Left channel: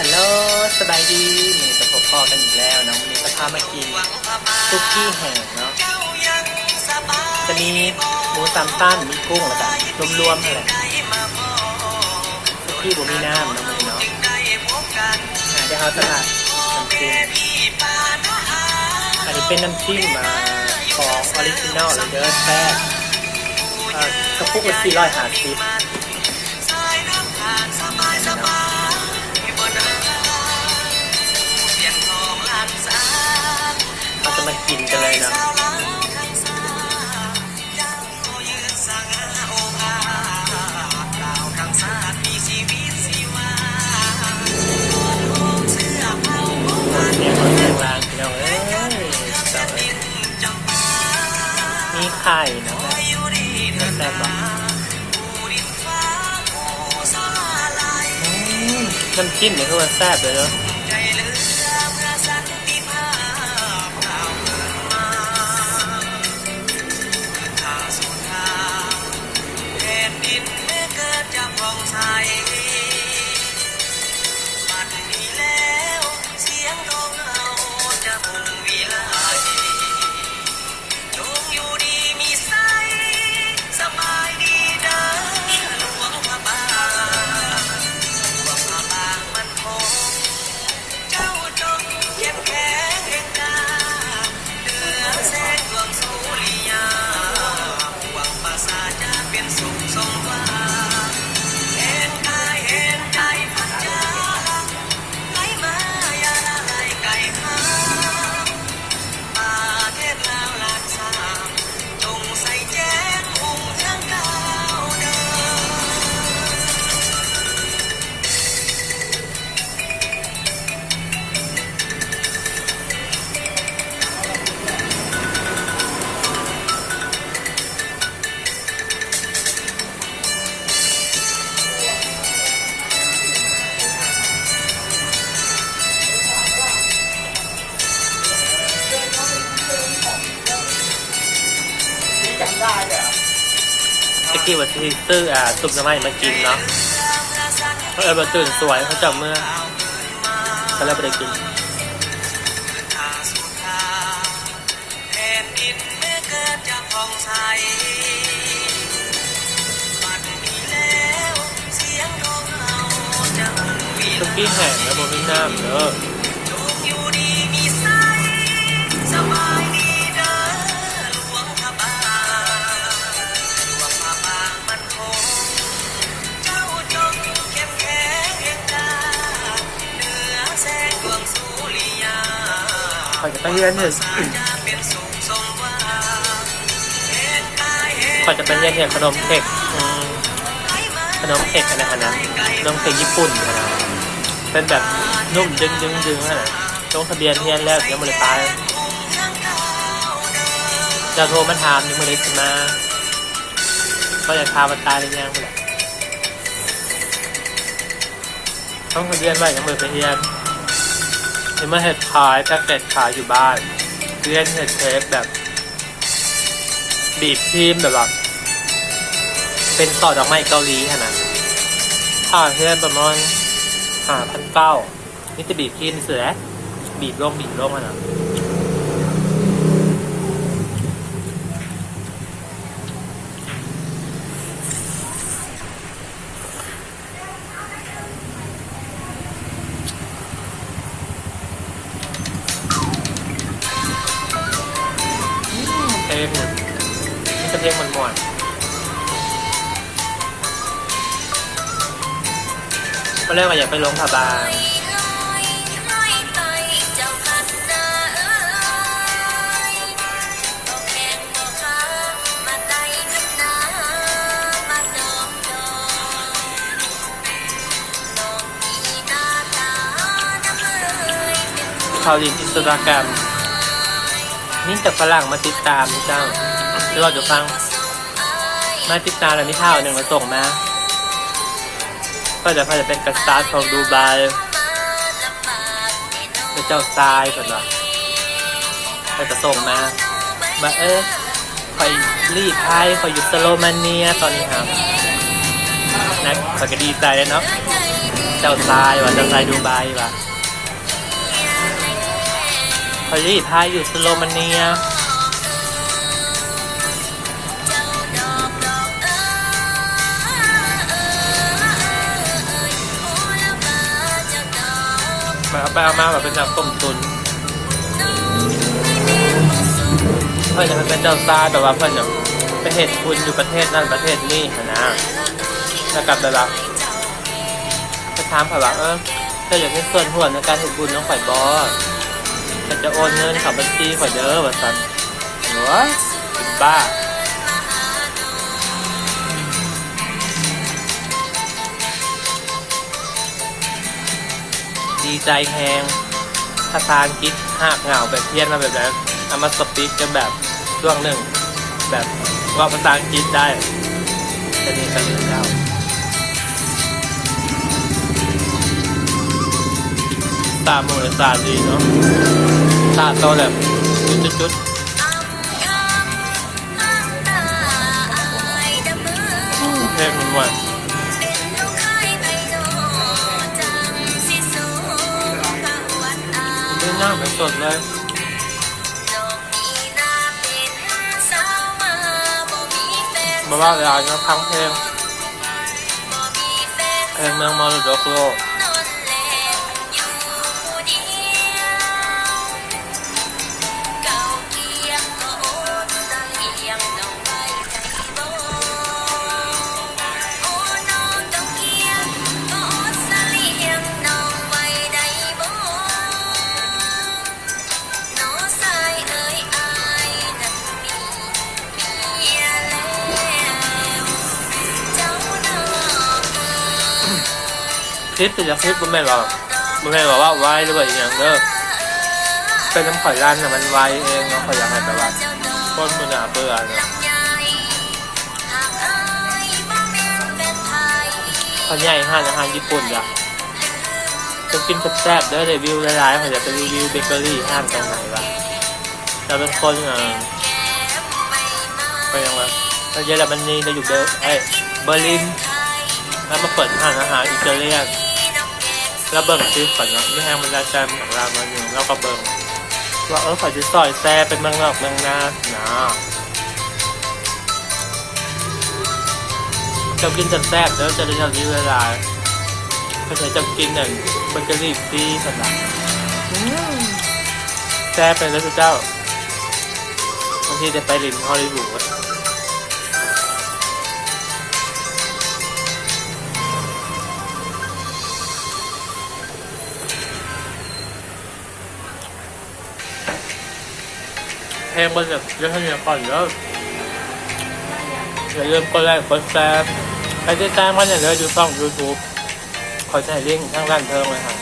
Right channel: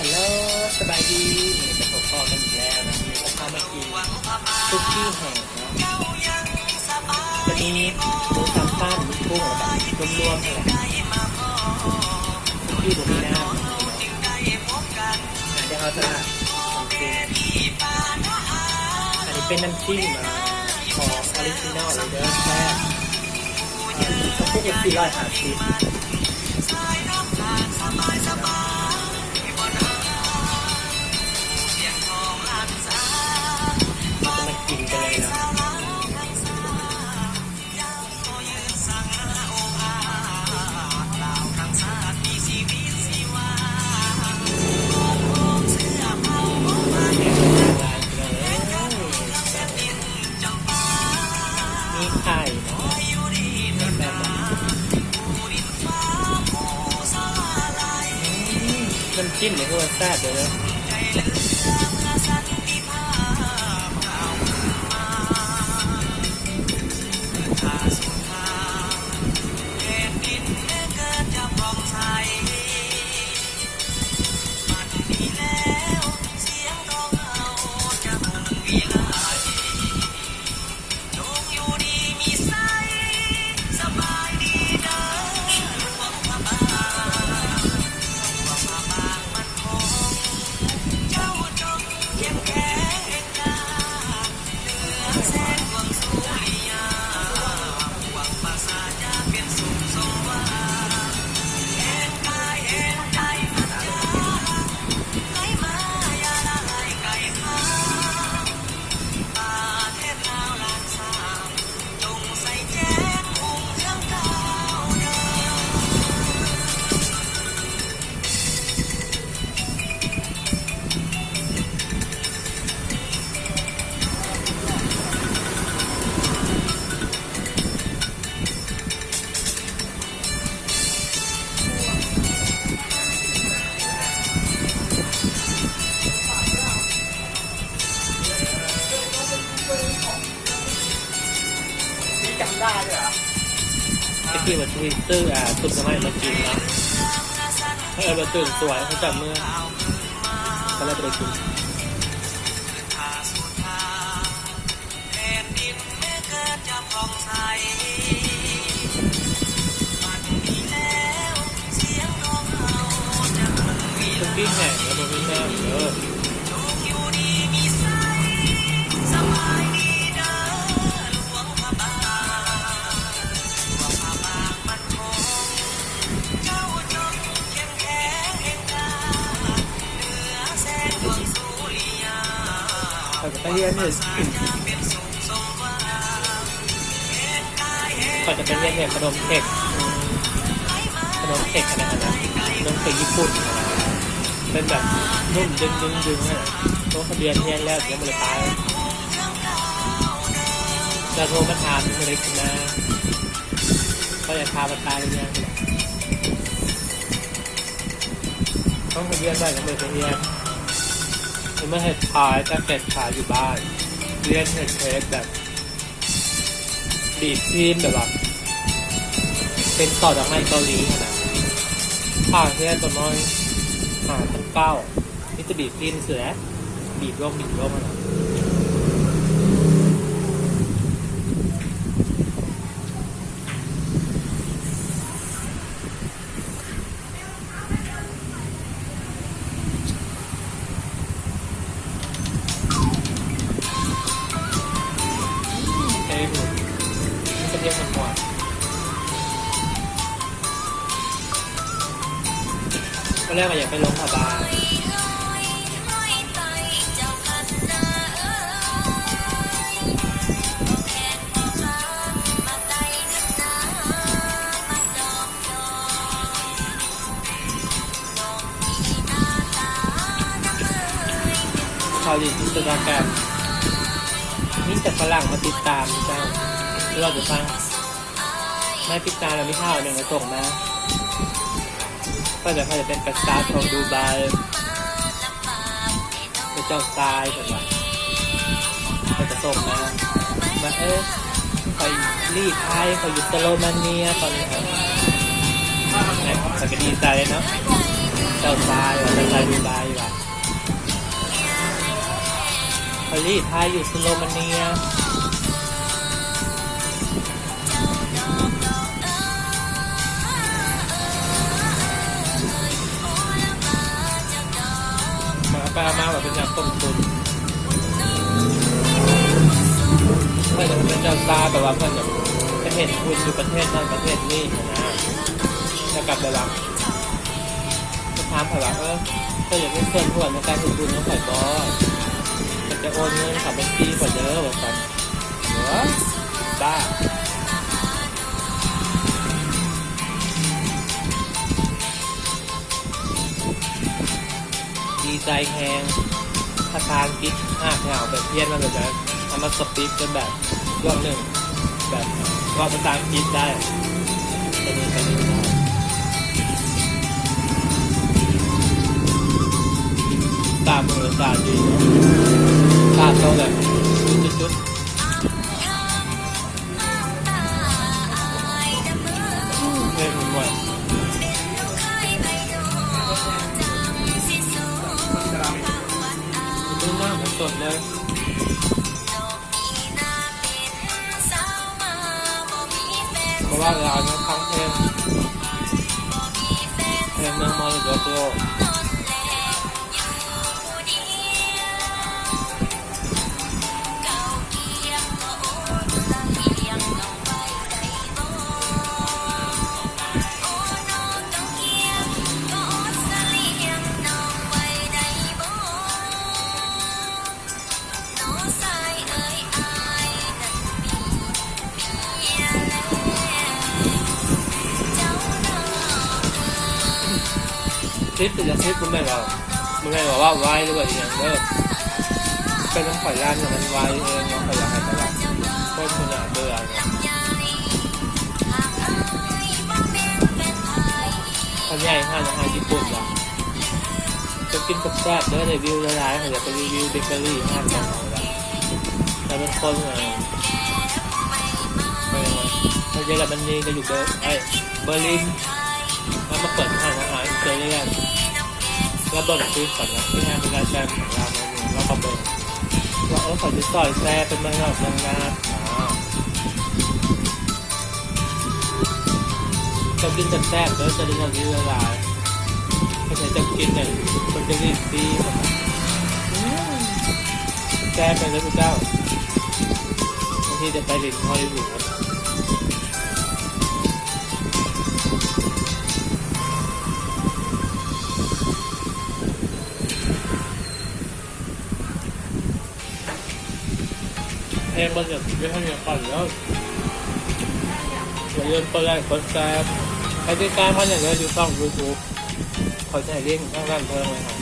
ฮัลโหลสบายดีมีจะพบพ่อกันอีกแล้วนะวันนี้จะพามากินซุกี้แห้งเนาะจะมีหมูสามชั้นมีกุ้งแล้วกันรวมๆอะไรซุกี้บุมีน้ำนะมันเนาะได้เอาตลาดน้ำจิ้มอันนี้เป็นน้ำจิ้มของออริจินอลเลยเด้อแซ่บกระปุกละ450เราจะมากินกันเลยนะเสียงรถเสียงรางพี่น้องเอ้ยมีไข่นะแม่แซ่บว่ะน้ำจิ้มเนี่ยคือว่าแซ่บเลยเนาะตะกี้วันที่ซื้อซุปน้ำมันมากินเนาะเขาเอาไปตื่นสวยเขาจับเมื่อเขาแล้วไปได้กินซุกี้แห้งแล้วบะหมี่น้ำเด้อขอจะไปเรียนเถอะขอจะไปเรียนขนมเค้กขนมเค้กอะไรนะขนมเค้กญี่ปุ่นนะเป็นแบบนุ่มดึงนะลงทะเบียนเรียนแล้วยังไม่ได้ไปจะโทรมาถามยังไม่ได้ขึ้นมาก็อยากพามาตายเลยยังไปแหละต้องทะเบียนไว้ยังไม่ไปเรียนเมื่อเห็ดขายแต่เห็ดขายอยู่บ้านเรียนเห็ดเค้กแบบบีบทีมแบบเป็นซอสดอกไม้เกาหลีขนาดค่าเพื่อนประมาณ5,900นี่จะบีบทีมเสือบีบลงขนาดนี่จะเพลงมันหมดก็เรียกว่าอยากไปลงผาบางข่าวดีอินสตาแกรมนี่จากฝรั่งมาติดตามเจ้าหรือว่าจะฟังมาติดตามแล้วมีข่าวหนึ่งมาส่งมาก็จะเป็นกษัตริย์ของดูไบเป็นเจ้าทรายก่อนว่าก็จะส่งมาคอยรีดไทยคอยอยู่สโลมาเนียตอนนี้ครับนะคอยก็ดีใจเลยเนาะ เจ้าทรายว่ะเจ้าทรายดูไบว่ะพอลี่พายอยู่สโลมาเนียมาเอาไปเอามาแบบเป็นน้ำต้มตุนเพื่อนจะเป็นเจ้าทรายแต่ว่าเพื่อนจะไปเห็นคุณอยู่ประเทศนั่นประเทศนี้นะแล้วกลับไปแบบไปถามเขาว่าถ้าอยากให้ส่วนหัวในการเห็นบุญน้องข่อยบอจะโอนเงินขับบัญชีข่อยเด้อว่าสันหัวบ้าดีใจแหงภาษาอังกฤษหักเหงาแบบเพี้ยนมาแบบนั้นเอามาสปีกกันแบบช่วงหนึ่งแบบว่าภาษาอังกฤษได้จะเรียนกันเรื่องแล้วตามมือตาดีเนาะตาโตแบบจุดเพลงมันว่าเล่นหน้าเป็นสดเลยมาว่าเวลาเนาะพังเพลงเมืองมรดกโลกคลิปแต่ละคลิปมันไม่บอกว่าไวหรือว่าอย่างเด้อเป็นน้ำข่อยร้านน่ะมันไวเองเนาะข่อยอยากให้แบบว่าคนมันน่าเบื่อเนาะข่อยใหญ่ห้านอาหารญี่ปุ่นจ้ะจะกินแซ่บๆเด้อรีวิวหลายๆข่อยอยากจะรีวิวเบเกอรี่ห้างตรงไหนวะแต่เป็นคนไปยังไงถ้าเยอรมนีจะอยู่เบอร์ลินแล้วมาเปิดห้างอาหารอิตาเลียนแล้วเบิ่งคลิปก่อนเนาะที่แห้งบรรดาใจของเรามาอยู่แล้วก็เบิ่งว่าขอจะซอยแซ่เป็นเมืองนอกเมืองนานะเจ้ากินแซ่บแล้วจะได้เท่านี้เวลาเขาใช้เจ้ากินเนี่ยเบเกอรี่ตีขนาดแซ่เป็นแล้วเจ้าบางทีจะไปลินฮอลลีวูดเพลงมันแบบเยอะเท่านี้ก่อนแล้วอย่าลืมกดไลค์กดแชร์ไปติดตามมันอย่างเดียวอยู่ช่อง YouTube ขอใช้ลิงก์ทางด้านเทิงเลยค่ะ